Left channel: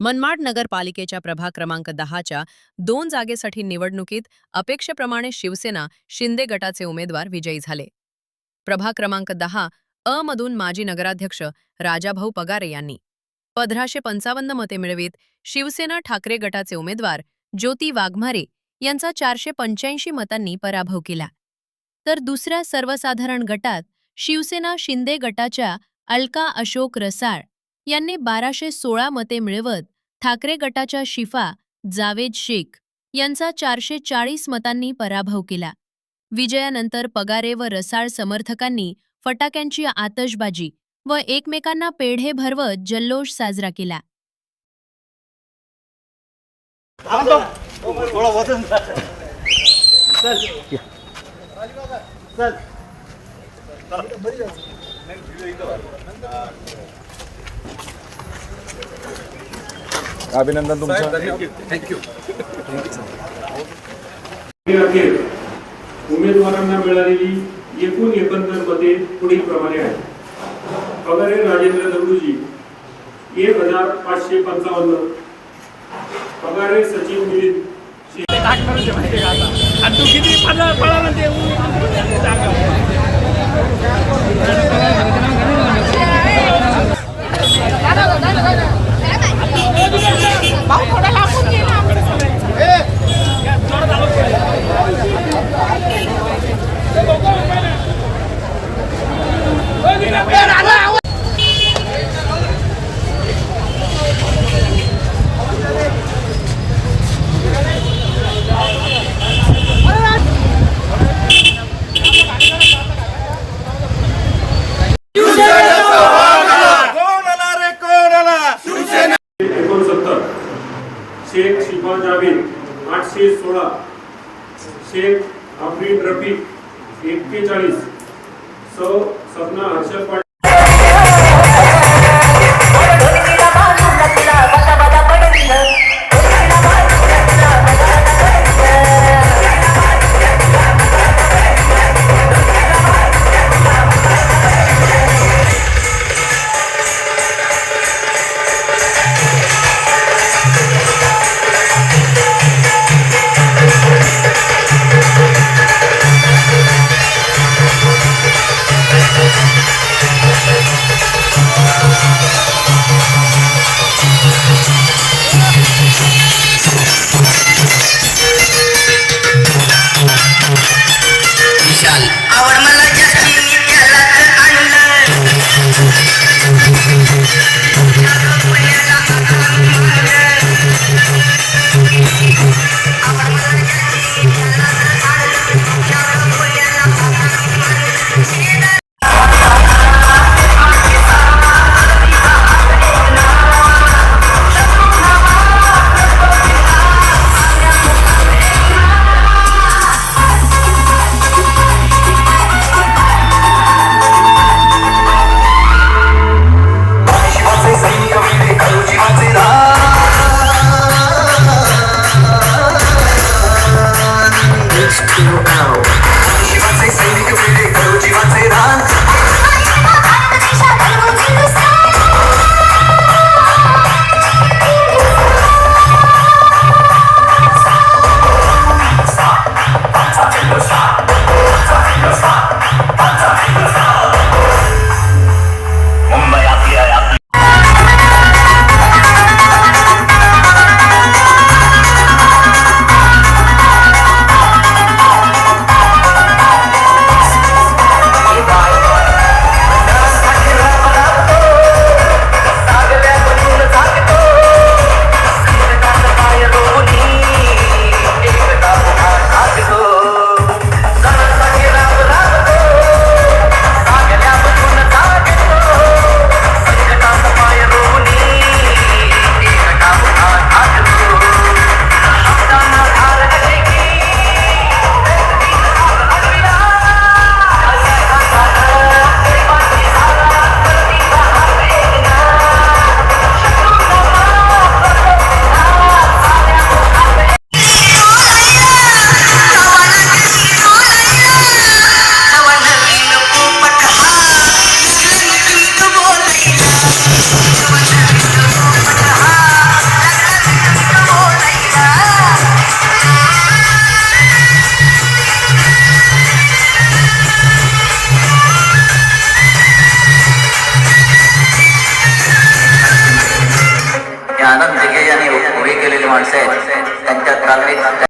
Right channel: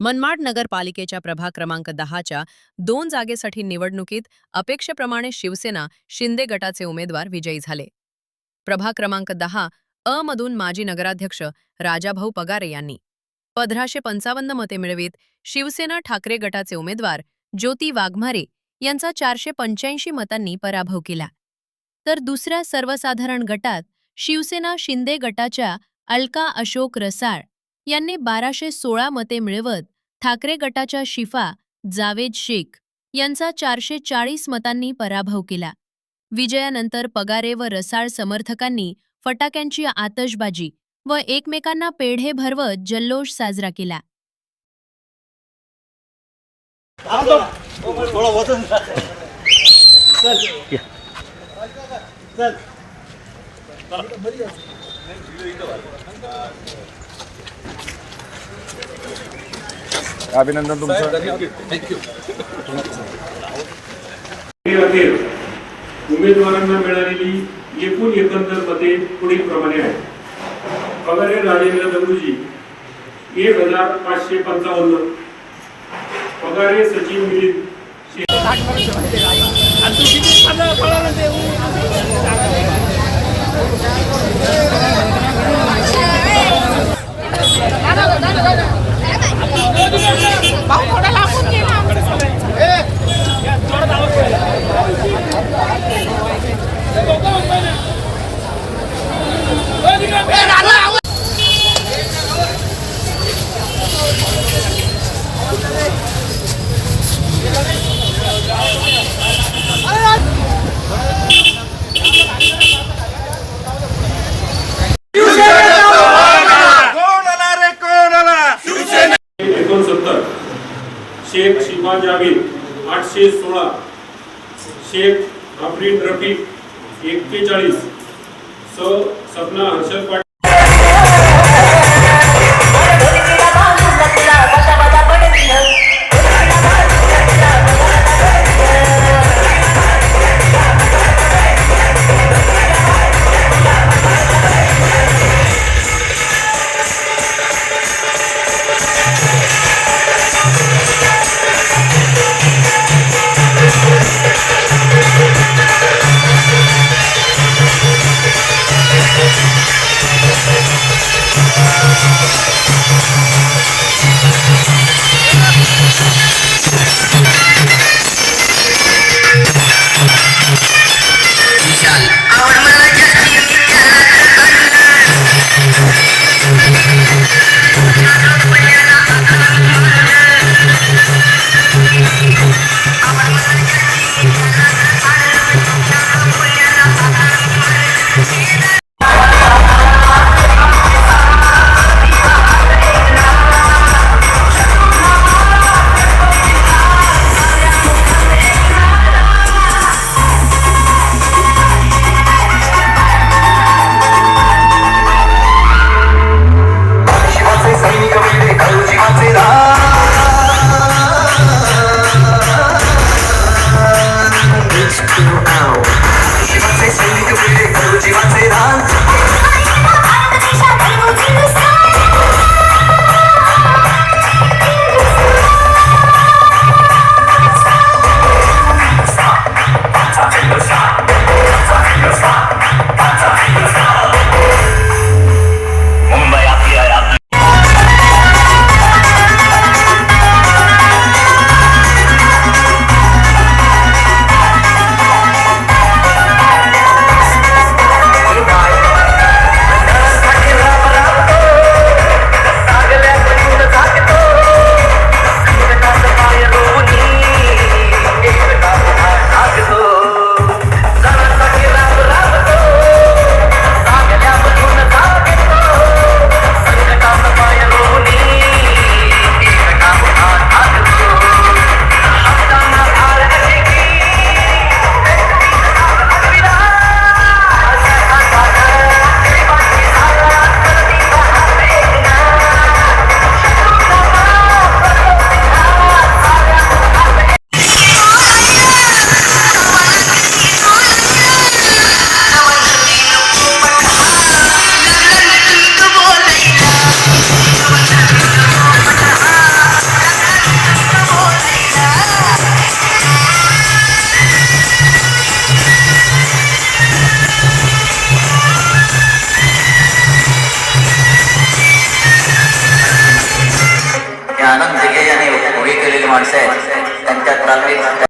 मनमाड नगरपालिकेच्या प्रभाग क्रमांक 10च्या 2 जागेसाठी निवडणुकीत अपेक्षेप्रमाणे शिवसेना शिंदे गटाचे उमेदवार विजयी झाले. प्रभाग क्रमांक 10 अ मधून माजी नगराध्यक्ष राजाभाऊ पगारे यांनी 1555 मते मिळवित शिवसेना ठाकरे गटाचे उमेदवार ज्योती वाघमारे यांचा 485 मतांनी पराभव केला. तर दुसऱ्या सर्वसाधारण गटात शिवसेना शिंदे गटाच्या अलका अशोक रसाळ यांनी 1216 मते मिळवत ठाकरे गटाच्या शिफा जावेद शेख यांचा 440 मतांनी पराभव केला. विजयानंतर पगारे व रसाळ समर्थकांनी फटाक्यांची आतषबाजी व एकमेकांना पेढे भरवत जल्लोष साजरा केला. अभिनंदन तुमचं. थँक्यू. अखेर उमेदवारांना मिळालेली एकूण एकंदर मते पुढील प्रमाणे आहे. पगारे राजेंद्र दगडूजी 1555, पगारे सचिन मिलिंद शेख शिफा जावेद 816, शेख अफरीन रफीक 41, सपना हर्षद पाटील सक्सेस त्यांच्या ट्रॅव्हलिंग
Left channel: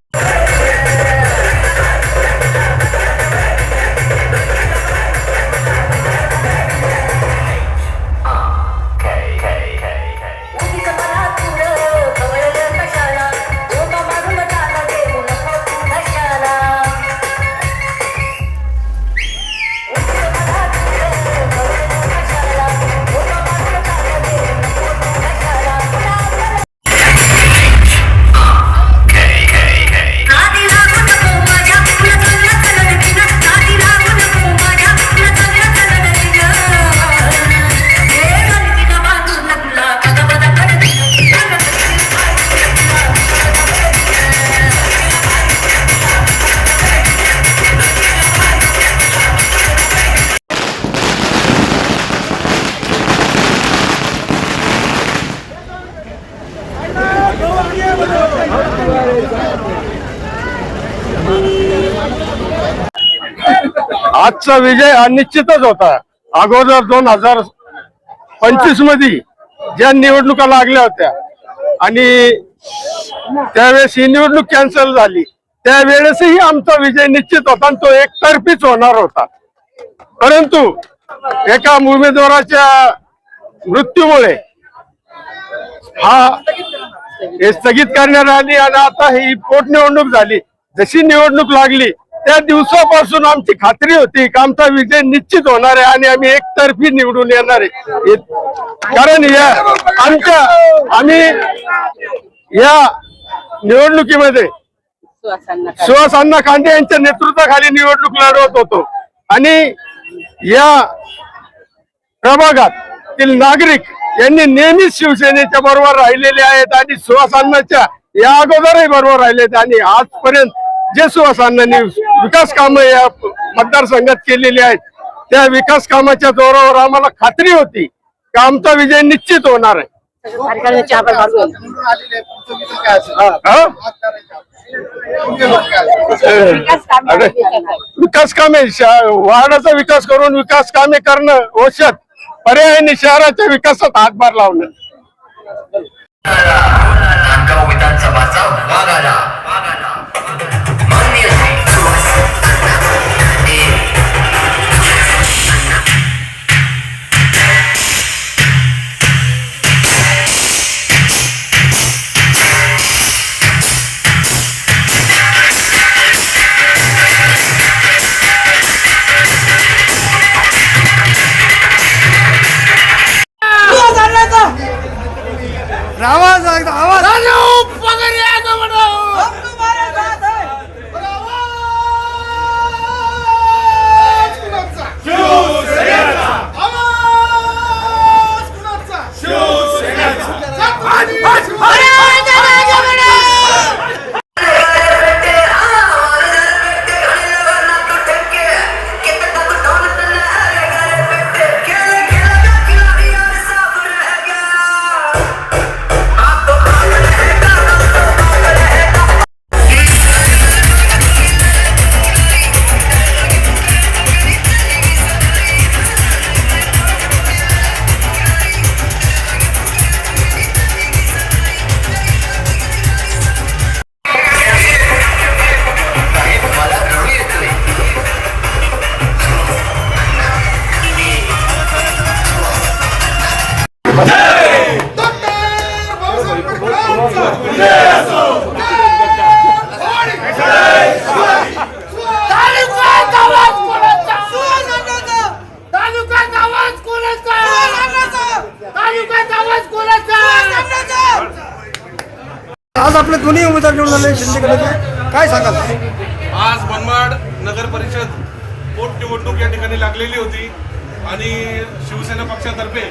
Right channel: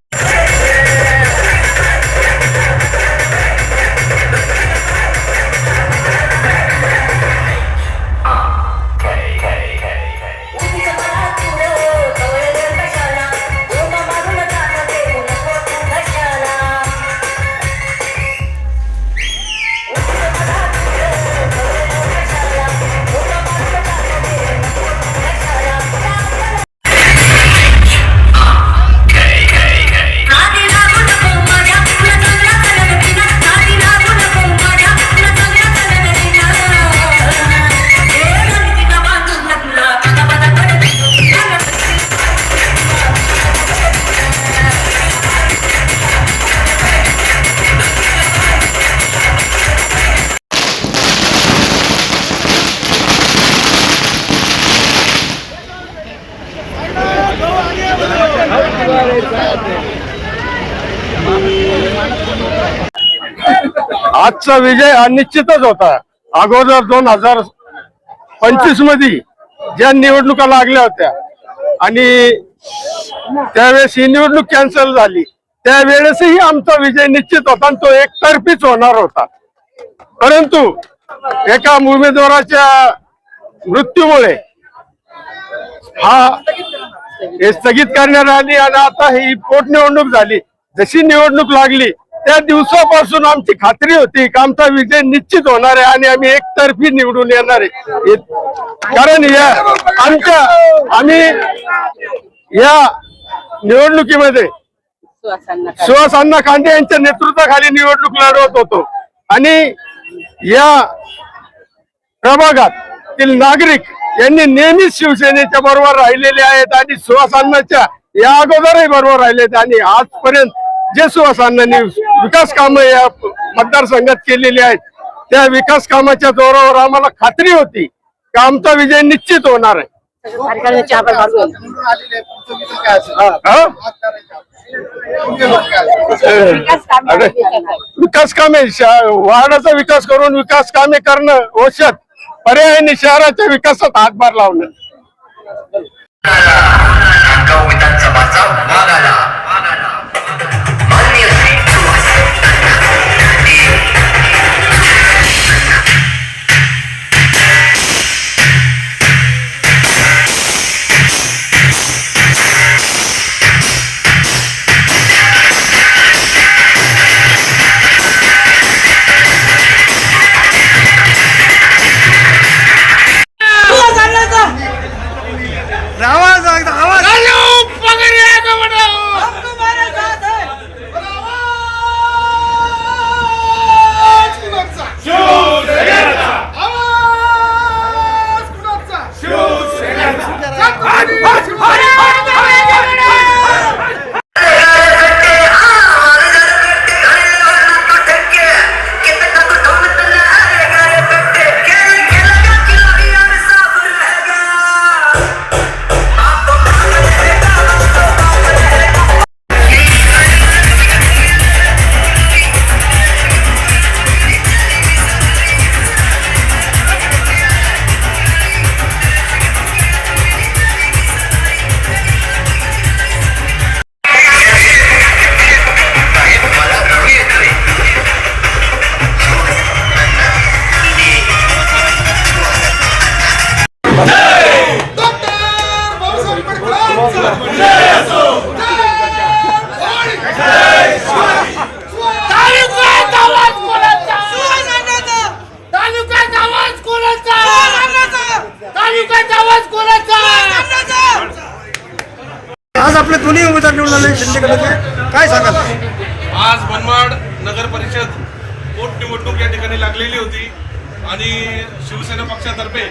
आजचा विजय हा निश्चितच होता. अगोदर 2025 मध्ये ज्या निवडणुका लागल्या होत्या आणि त्यावेळेस ही निवडणूक कॅन्सल झाली, त्यावेळेसही आमचा विजय निश्चित होता आणि तो एकतर्फीच होणार होता. परंतु एका उमेदवाराच्या मृत्यूमुळे हे स्थगित करण्यात आली आणि आता ही पोटनिवडणूक झाली. जशी निवडणूक लागली त्या दिवसापासून आमची खात्री होती की आमचा विजय निश्चित होणार आहे आणि आम्ही एकतर्फी निवडून येणार आहे. कारण आम्ही या निवडणुकीमध्ये सुहास अण्णा खांदे यांच्या नेतृत्वाखाली निवडणूक लढवत होतो आणि या प्रभागातील नागरिक यांनी नेहमीच शिवसेनेच्या बरोबर राहिलेले आहेत आणि सुहास अण्णांच्या या अगोदरही बरोबर राहिलेत आणि आजपर्यंत जे सुहास अण्णांनी विकास कामं या मतदारसंघात केलेली आहेत त्या विकास कामाच्या जोरावर आम्हाला खात्री होती की आमचा विजय निश्चित होणार आहे. विकास कामे वार्डाचा विकास करून विकास कामे करणं औषध पर्यायाने शहराच्या विकासात हातभार लावणं. विधानसभाचा भाग आला माननीय आज आपले दोन्ही उमेदवार निवडून आले शिंदे गटाचे, काय सांगाल? आज मनमाड नगर परिषद पोटनिवडणूक या ठिकाणी लागलेली होती आणि शिवसेना पक्षातर्फे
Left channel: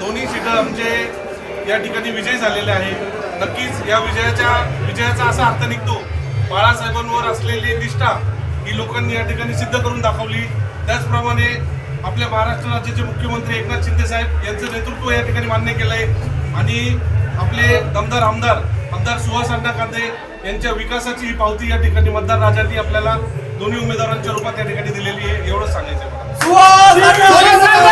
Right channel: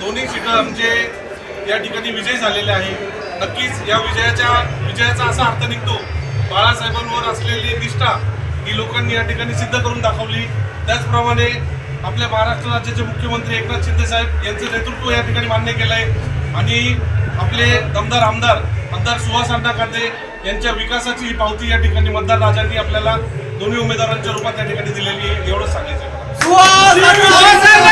दोन्ही सीट आमचे या ठिकाणी विजय झालेले आहे. नक्कीच या विजयाचा असा अर्थ निघतो, बाळासाहेबांवर असलेली निष्ठा ही लोकांनी या ठिकाणी सिद्ध करून दाखवली. त्याचप्रमाणे आपल्या महाराष्ट्र राज्याचे मुख्यमंत्री एकनाथ शिंदे साहेब यांचं नेतृत्व या ठिकाणी मान्य केलं आहे आणि आपले दमदार आमदार सुहास अण्णा खांदे यांच्या विकासाची ही पावती या ठिकाणी मतदार राजांनी आपल्याला दोन्ही उमेदवारांच्या रूपात या ठिकाणी दिलेली आहे. एवढंच सांगायचं मला.